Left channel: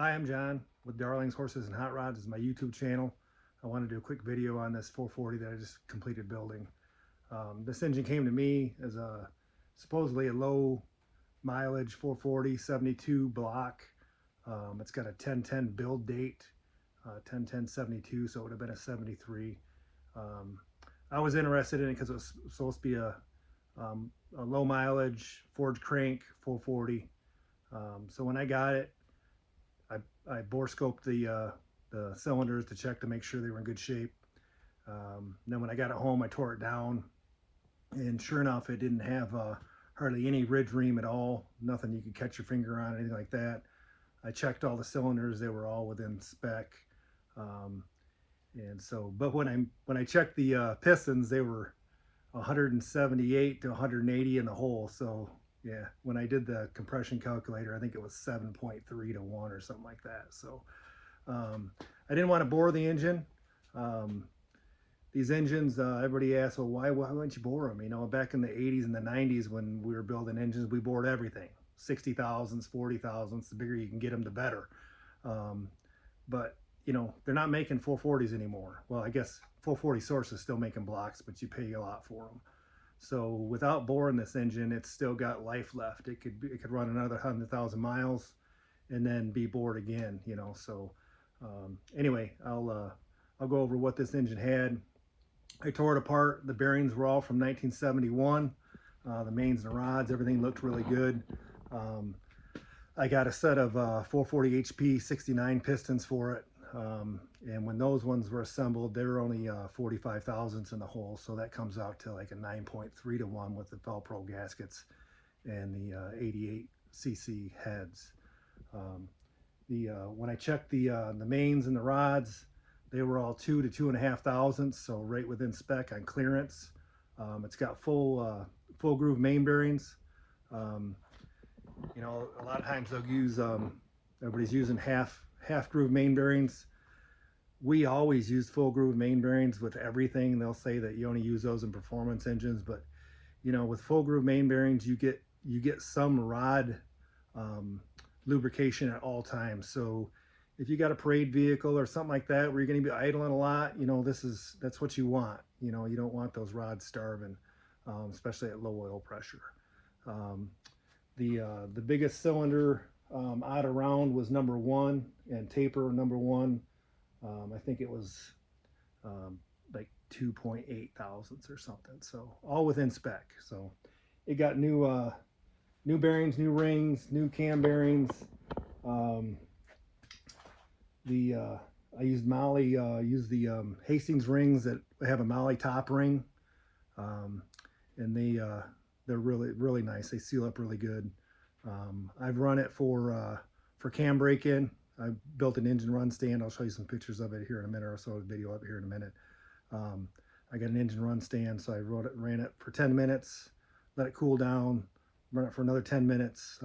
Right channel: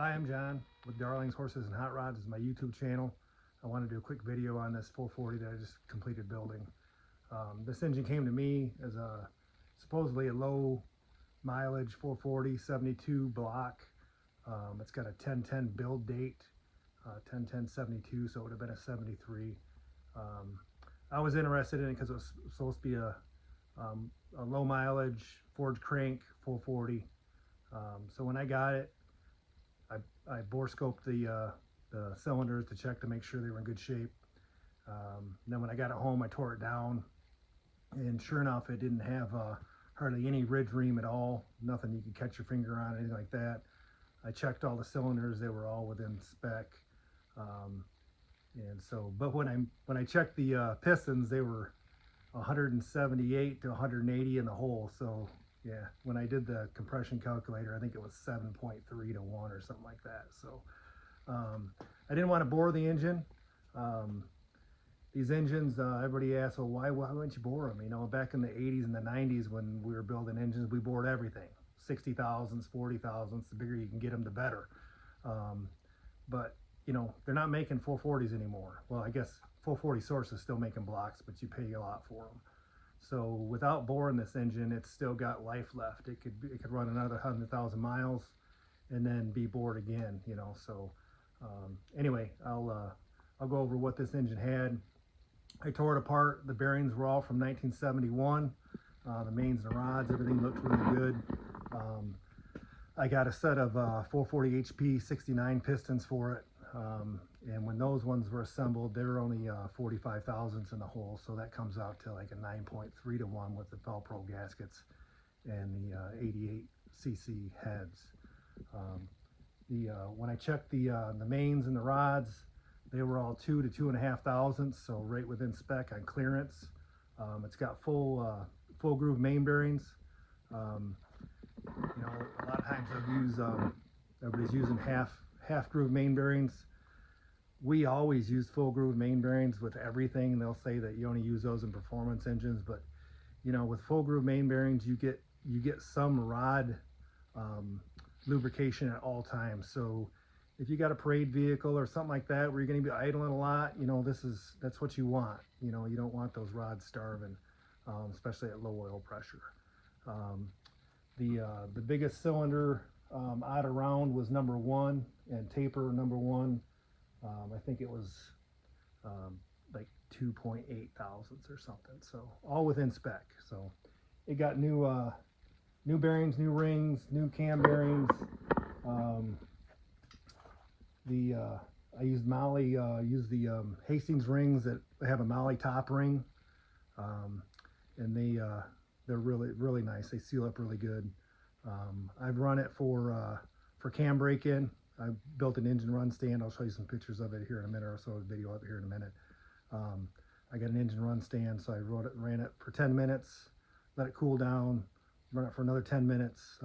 Hi, I'm John with Darling's Horses and Hot Rods. This is my YouTube channel. I want to do a quick video on this 440 that I just completed building. This engine came to me as supposedly a low mileage 440 72 block. It's got a 1010 build date, 10/10/72, so it would have been a 73. I was interested in it because it was supposed to be a low mileage forged crank 440. So when I got it, I bore scoped the cylinders to check to make sure they were in good shape. Then when I got it home, I tore it down, and sure enough, it didn't have hardly any ridge ream at all. Nothing you could catch your finger on, anything like that. I checked all the cylinders; they were all within spec. And so, but when I checked the pistons, they were 178 to 180 in the hole. So yeah, when I did the compression calculator, I think it was 7.3 to 1 or something like that. So I didn't want to bore the engine. These engines, everybody asks, well, why wouldn't you bore them? You know, back in the 80s and the 90s when we were building engines, we bored everything. 60 thousandths, 40 thousandths, the bigger you can get them, the better. But, you know, they're not making 440s anymore. Well, I guess 440 Source is still making blocks, but you pay a lot for them. So without boring this engine, it's still got life left. It could run another 100,000 miles and then be bored again, you know. So anyway, I'll go over what this engine had. I tore it apart. The bearings were all from 1971. The mains and rods, everything looked really good. I got a set of 440 HP 69 pistons for it. And when those ones were assembled, they were only 45 thousandths in the hole, so that comes out to like a 9.3 to 1 with the Felpro gaskets and the 88cc heads. When I checked the mains and the rods, they were all 2 to 2.5 thousandths, so right within spec on clearance. It's got full groove main bearings. You know, a lot of times they'll use everybody's using half groove main bearings. We always use full groove main bearings with everything. They'll say that you only use those in performance engines, but you know, with full groove main bearings, you get some rod lubrication at all times. So if you got a parade vehicle or something like that where you're going to be idling a lot, you know, that's what you want. You know, you don't want those rods starving, especially at low oil pressure. The biggest cylinder out around was number 1, and taper number 1. I think it was like 2.8 thousandths or something. So all within spec. So it got new bearings, new rings, new cam bearings. I used Molly, used the Hastings rings that have a Molly top ring, and they're really nice. They seal up really good. I've run it for cam break-in. I built an engine run stand. I'll show you some pictures of it here in a minute, or so a video up here in a minute. I got an engine run stand, so I ran it for 10 minutes, let it cool down, run it for another 10 minutes,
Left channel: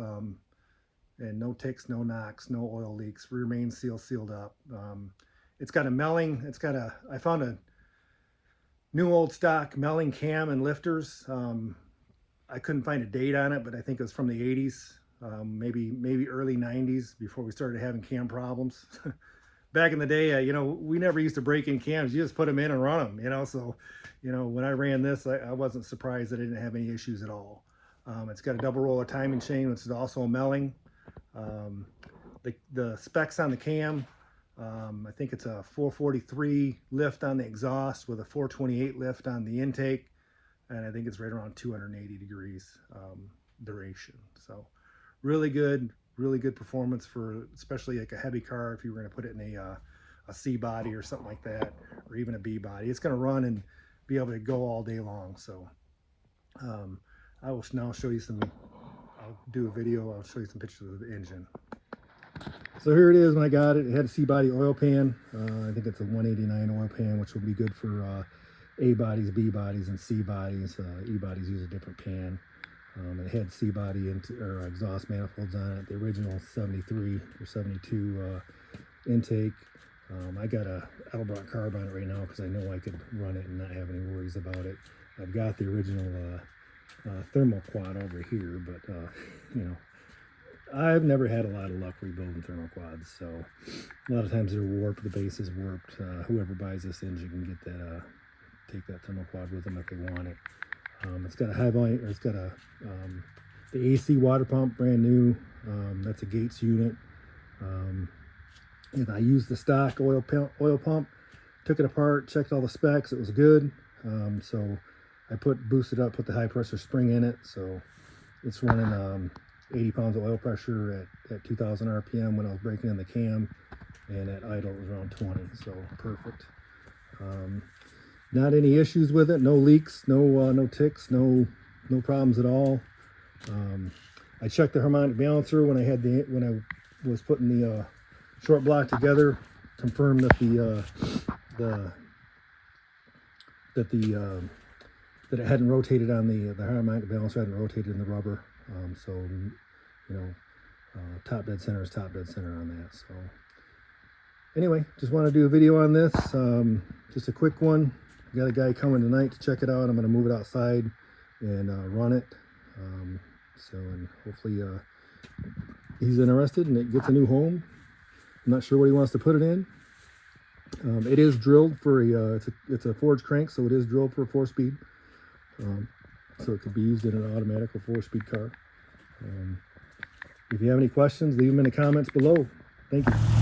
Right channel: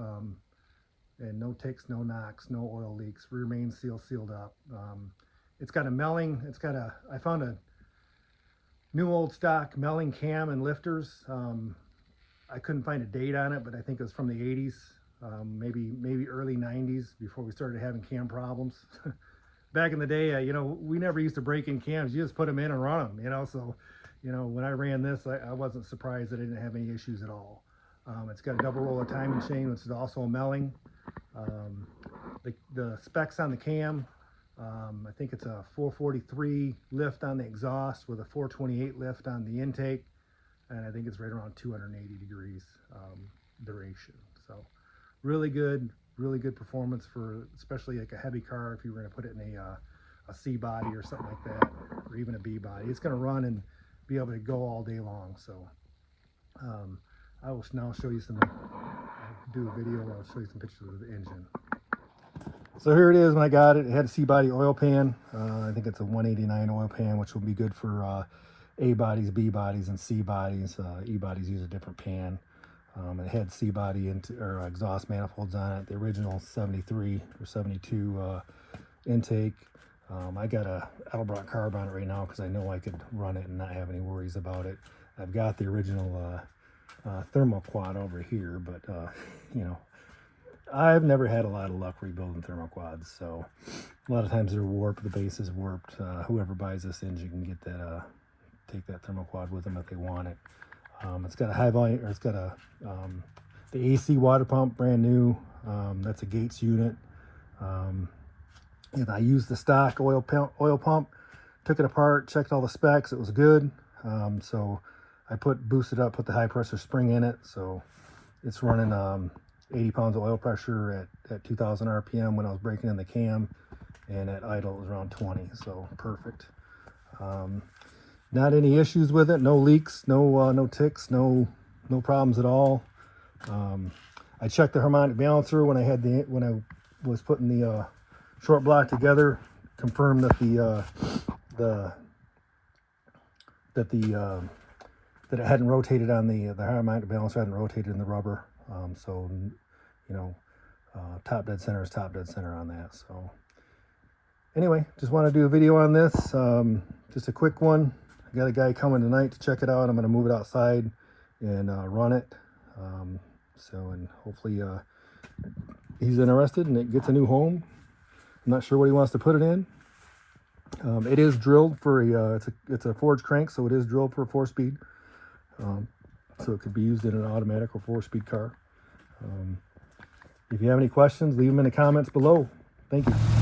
and no ticks, no knocks, no oil leaks, rear main seal sealed up. It's got a Melling. I found a new old stock Melling cam and lifters. I couldn't find a date on it, but I think it was from the 80s. Maybe early 90s, before we started having cam problems. Back in the day, you know, we never used to break in cams. You just put them in and run them, you know. So, you know, when I ran this, I wasn't surprised that I didn't have any issues at all. It's got a double roller timing chain, which is also a Melling. The specs on the cam, I think it's a 443 lift on the exhaust with a 428 lift on the intake, and I think it's right around 280 degrees duration. So really good performance for especially like a heavy car. If you were going to put it in a C body or something like that, or even a B body, it's going to run and be able to go all day long. So I will now show you I'll do a video. I'll show you some pictures of the engine. So here it is when I got it. It had a C body oil pan. I think it's a 189 oil pan, which will be good for A bodies, B bodies, and C bodies. E bodies use a different pan. It had C body or exhaust manifolds on it. The original 73 or 72 intake. I got a Edelbrock carb on it right now because I know I could run it and not have any worries about it. I've got the original thermoquad over here, but you know, I've never had a lot of luck rebuilding thermoquads, so a lot of times they're warped, the base is warped. Whoever buys this engine can get that, take that thermoquad with them if they want it. It's got a high volume, or it's got a the AC water pump, brand new. That's a Gates unit. And I used the stock oil pump, took it apart, checked all the specs. It was good. So I boosted up, put the high pressure spring in it. So it's running 80 pounds of oil pressure at 2,000 RPM when I was breaking in the cam, and at idle it was around 20. So perfect. Not any issues with it. No leaks. No ticks. No problems at all. I checked the harmonic balancer when I was putting the short block together. Confirmed that that it hadn't rotated on the harmonic balancer, hadn't rotated in the rubber. So you know, top dead center is top dead center on that. So anyway, just want to do a video on this. Just a quick one. I got a guy coming tonight to check it out. I'm going to move it outside and run it. And hopefully he's interested and it gets a new home. I'm not sure what he wants to put it in. It is drilled for it's a forged crank, so it is drilled for a 4-speed. So it could be used in an automatic or 4-speed car. If you have any questions, leave them in the comments below. Thank you.